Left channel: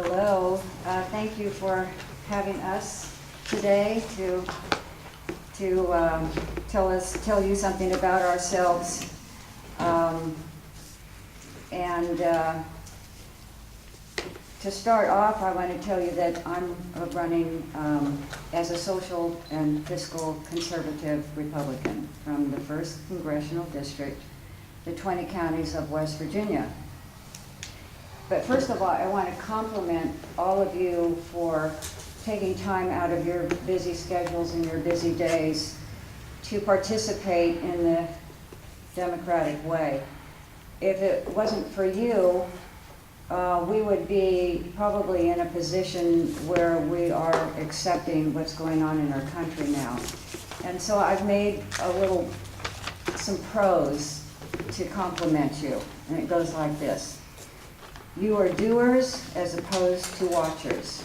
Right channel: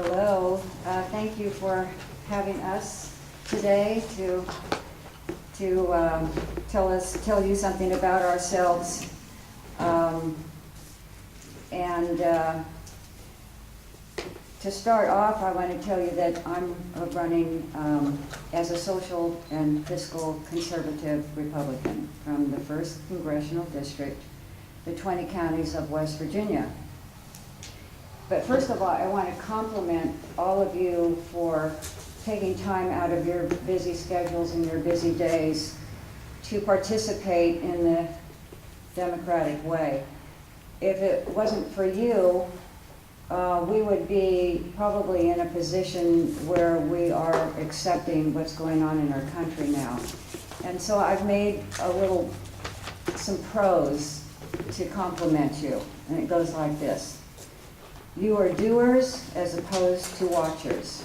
Hello. Thank you for having us today to tell you something about ourselves. To start off, I want to tell you that I'm running as a social and fiscal conservative Republican from the 1st Congressional District, the 20 counties of West Virginia. But first of all, I want to compliment all of you for taking time out of your busy schedules and your busy days to participate in the democratic way. If it wasn't for you, we would be probably in a position where we are accepting what's going on in our country now. And so I've made some prose to compliment you, and it goes like this. You are doers as opposed to watchers.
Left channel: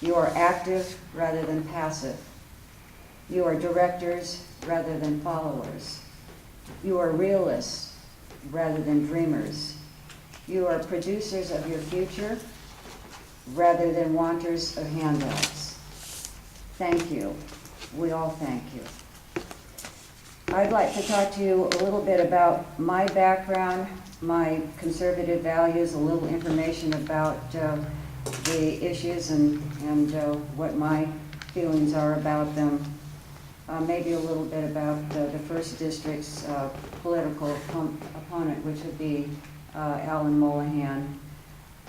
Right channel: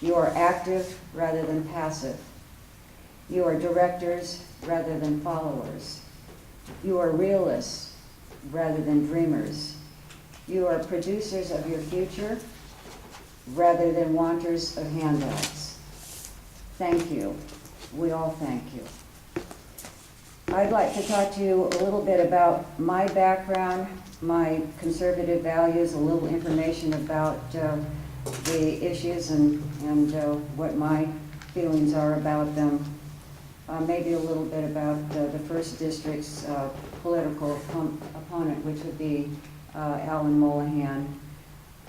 You are active rather than passive. You are directors rather than followers. You are realists rather than dreamers. You are producers of your future rather than wanters of handouts. Thank you. We all thank you. I'd like to talk to you a little bit about my background, my conservative values, a little information about the issues and what my feelings are about them. Maybe a little bit about the first district's political opponent, which would be Alan Mullihan,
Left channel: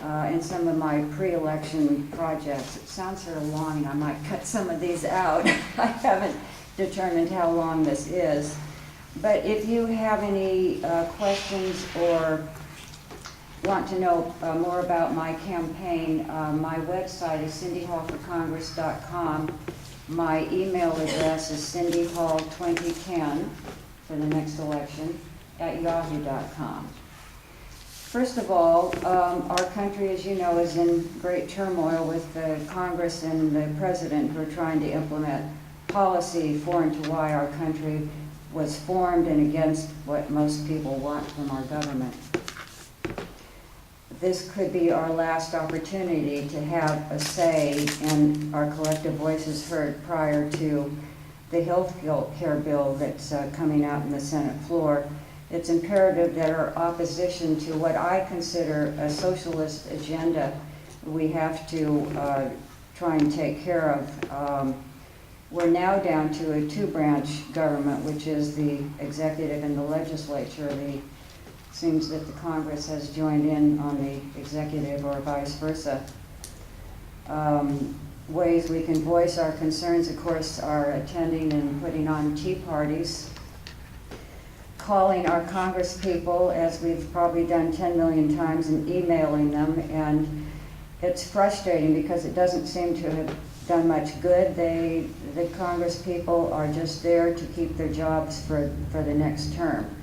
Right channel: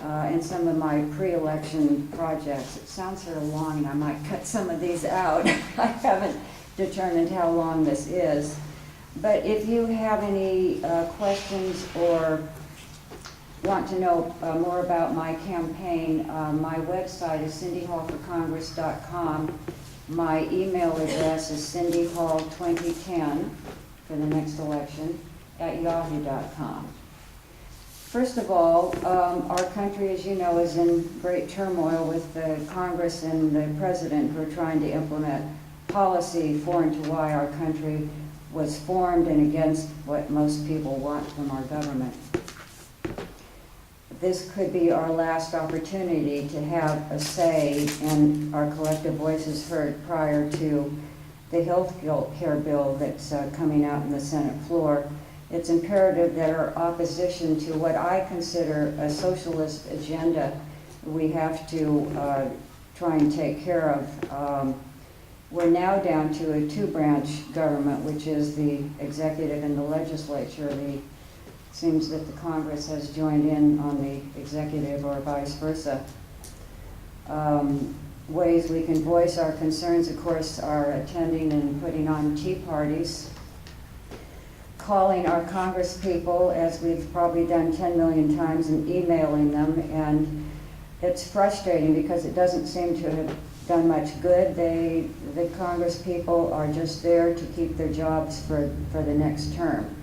and some of my pre-election projects. It sounds sort of long, and I might cut some of these out. I haven't determined how long this is. But if you have any questions or want to know more about my campaign, my website is cindyhallforcongress.com. My email address is cindyhall2010 for the next election at yahoo.com. First of all, our country, as you know, is in great turmoil with the Congress and the President who are trying to implement policy foreign to why our country was formed and against what most people want from our government. This could be our last opportunity to have a say and our collective voices heard prior to the health care bill that's coming out in the Senate floor. It's imperative that our opposition to what I consider a socialist agenda, we have to try and take care of. We're now down to a two-branch government, which is the executive and the legislature. It seems that the Congress has joined in on the executive or vice versa. Ways we can voice our concerns, of course, are attending and putting on tea parties, calling our Congress people, as we've probably done 10 million times, and emailing them. And it's frustrating because it doesn't seem to have done much good. The Congress people are just there to keep their jobs for the next term.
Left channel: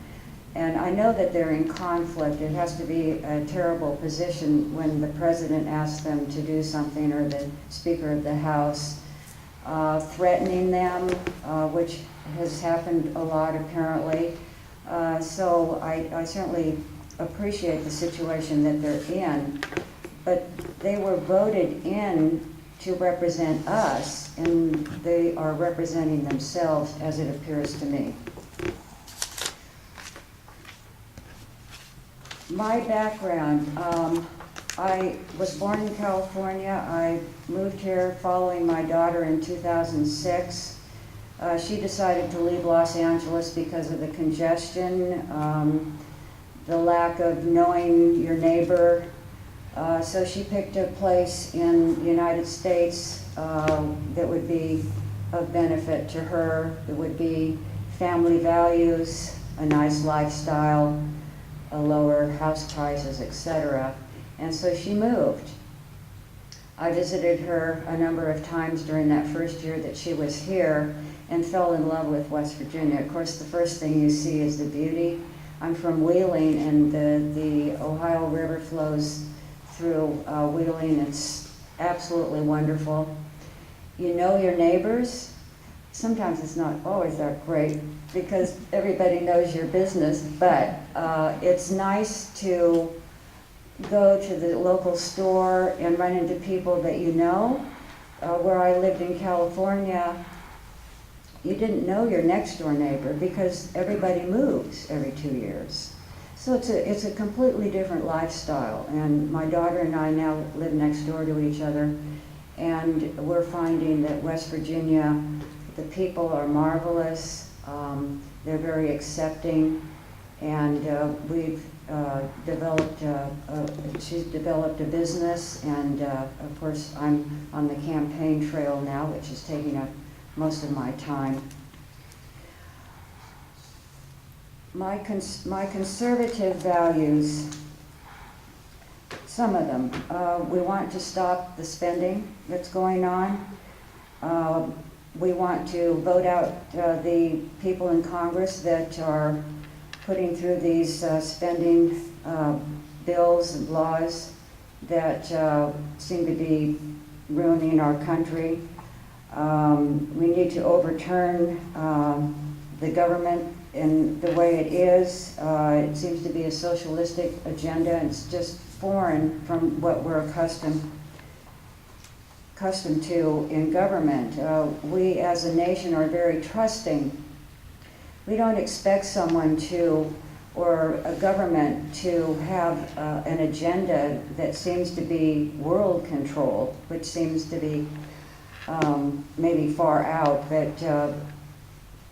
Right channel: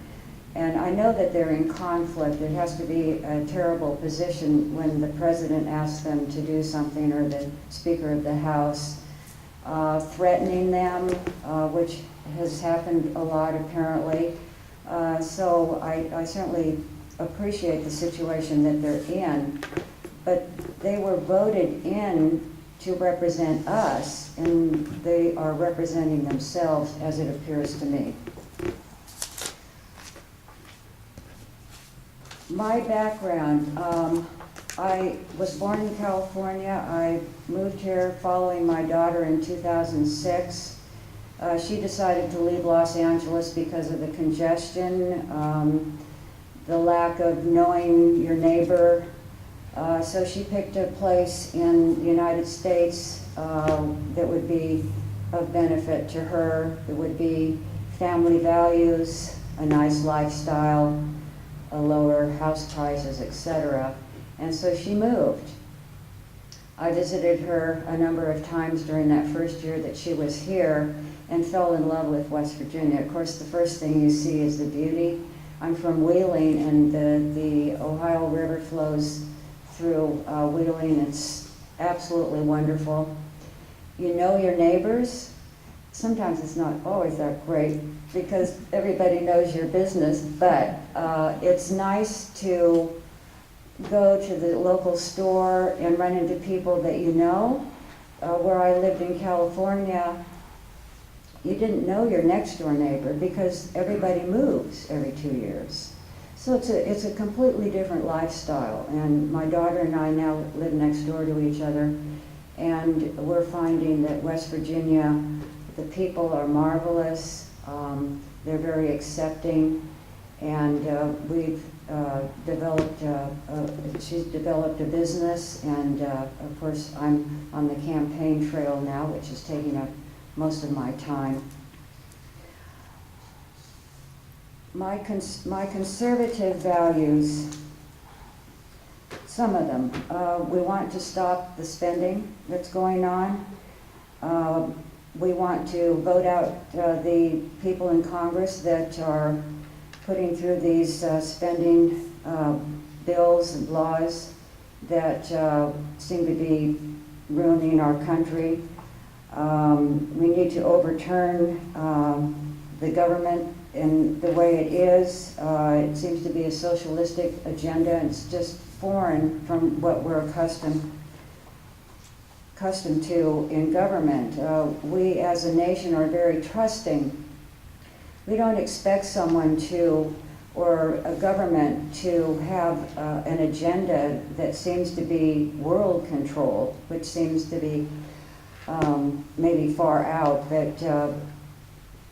And I know that they're in conflict. It has to be a terrible position when the President asks them to do something, or the Speaker of the House, threatening them, which has happened a lot apparently. So I certainly appreciate the situation that they're in, but they were voted in to represent us, and they are representing themselves, as it appears to me. My background, I was born in California. I moved here following my daughter in 2006. She decided to leave Los Angeles because of the congestion, the lack of knowing your neighbor. So she picked a place in the United States that would be of benefit to her. It would be family values, a nice lifestyle, lower house prices, etc. And so she moved. I visited her a number of times during that first year that she was here and fell in love with West Virginia. Of course, the first thing you see is the beauty. I'm from Wheeling, and the Ohio River flows through Wheeling. It's absolutely wonderful. You know your neighbors. Sometimes it's not always that great because everybody knows your business, but it's nice to go to the local store and run into people that you know. Where I lived in California, you didn't know your next door neighbor because everybody moves every 2 years. So it's a completely different lifestyle, and my daughter and I now live next door to each other, and we're finding that West Virginia, the people are marvelous, they're very accepting, and we've developed, she's developed a business, and of course I'm on the campaign trail now, which is taking up most of my time. My conservative values, some of them, we want to stop the spending that's going on. We want to vote out the people in Congress that are putting through these spending bills and laws that seem to be ruining our country. We need to overturn the government in the way it is. It seems to be a socialistic agenda, and it's just foreign from what we're accustomed to in government. We as a nation are very trusting. We don't expect someone to, or a government to have an agenda that seems to be world control, which seems to be maybe far out, but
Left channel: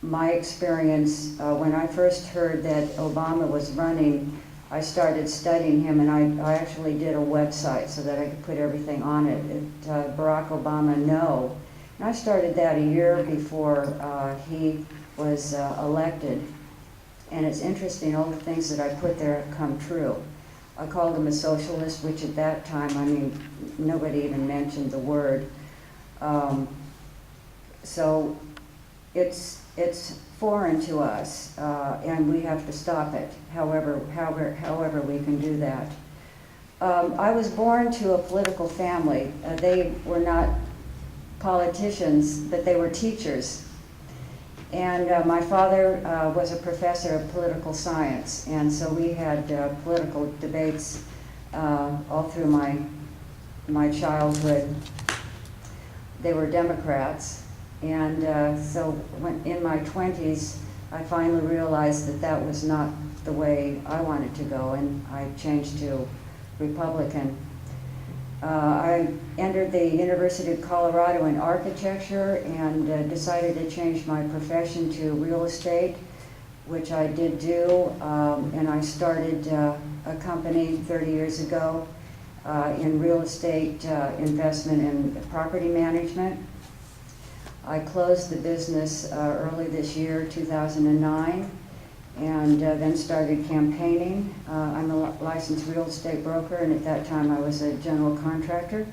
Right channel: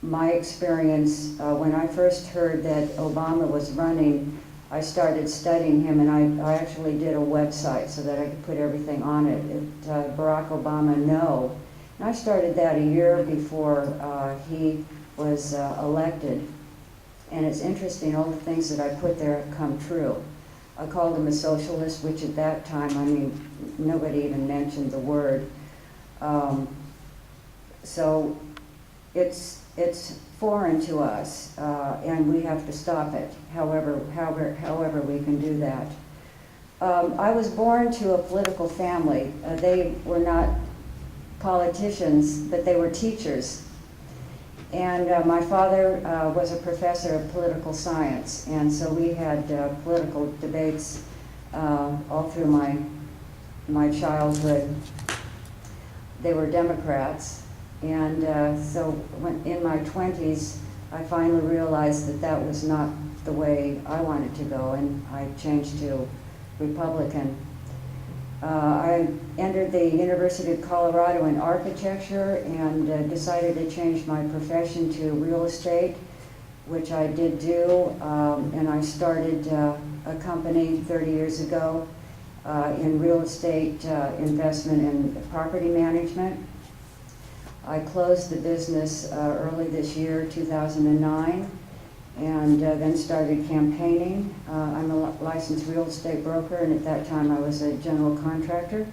my experience, when I first heard that Obama was running, I started studying him, and I actually did a website so that I could put everything on it. Barack Obama No. And I started that a year before he was elected. And it's interesting, all the things that I put there have come true. I called him a socialist, which at that time, I mean, nobody even mentioned the word. So it's foreign to us, and we have to stop it, however we can do that. I was born to a political family. They were not politicians, but they were teachers. And my father was a professor of political science, and so we had political debates all through my childhood. They were Democrats. And so when in my 20s, I finally realized that that was not the way I wanted to go, and I changed to Republican. I entered the University of Colorado in architecture and decided to change my profession to real estate, which I did do, and I started a company 30 years ago in real estate investment and property management. I closed the business early this year, 2009, and then started campaigning. I'm a licensed real estate broker, and at that time I was a general contractor.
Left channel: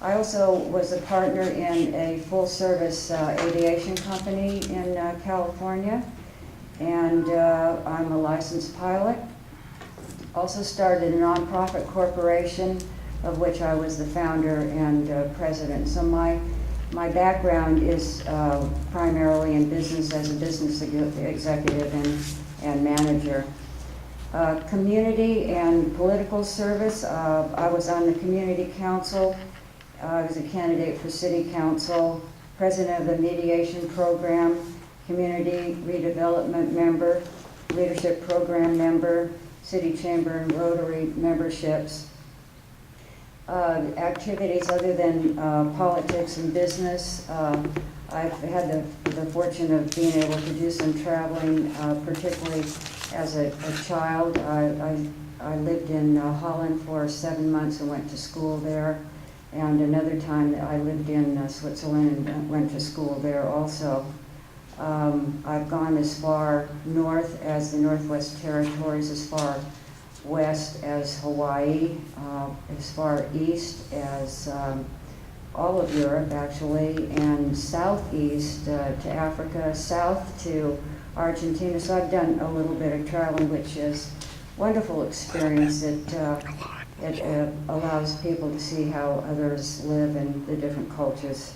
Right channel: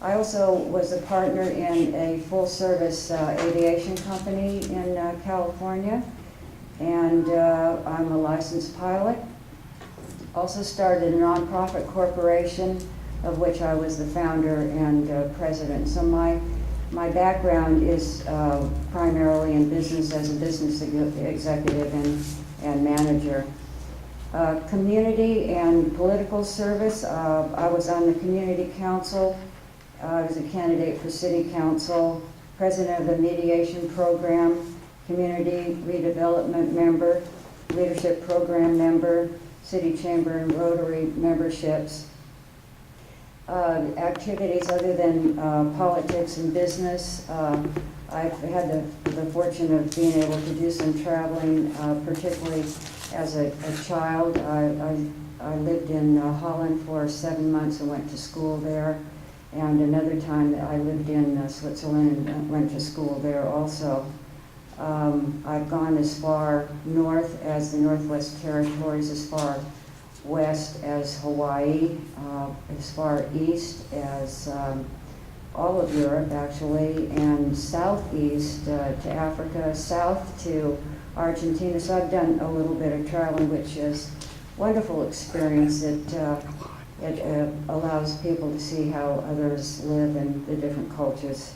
I also was a partner in a full-service aviation company in California, and I'm a licensed pilot. Also started a nonprofit corporation, of which I was the founder and president. So my background is primarily in business as a business executive and manager. Community and political service, I was on the community council. I was a candidate for city council, president of the mediation program, community redevelopment member, leadership program member, city chamber and Rotary memberships. Activities other than politics and business. I've had the fortune of being able to do some traveling, particularly as a child. I lived in Holland for 7 months and went to school there. And another time I lived in Switzerland and went to school there also. I've gone as far north as the Northwest Territories, as far west as Hawaii, as far east as all of Europe actually, and southeast to Africa, south to Argentina. So I've done a little bit of traveling, which is a wonderful experience. It allows people to see how others live in the different cultures.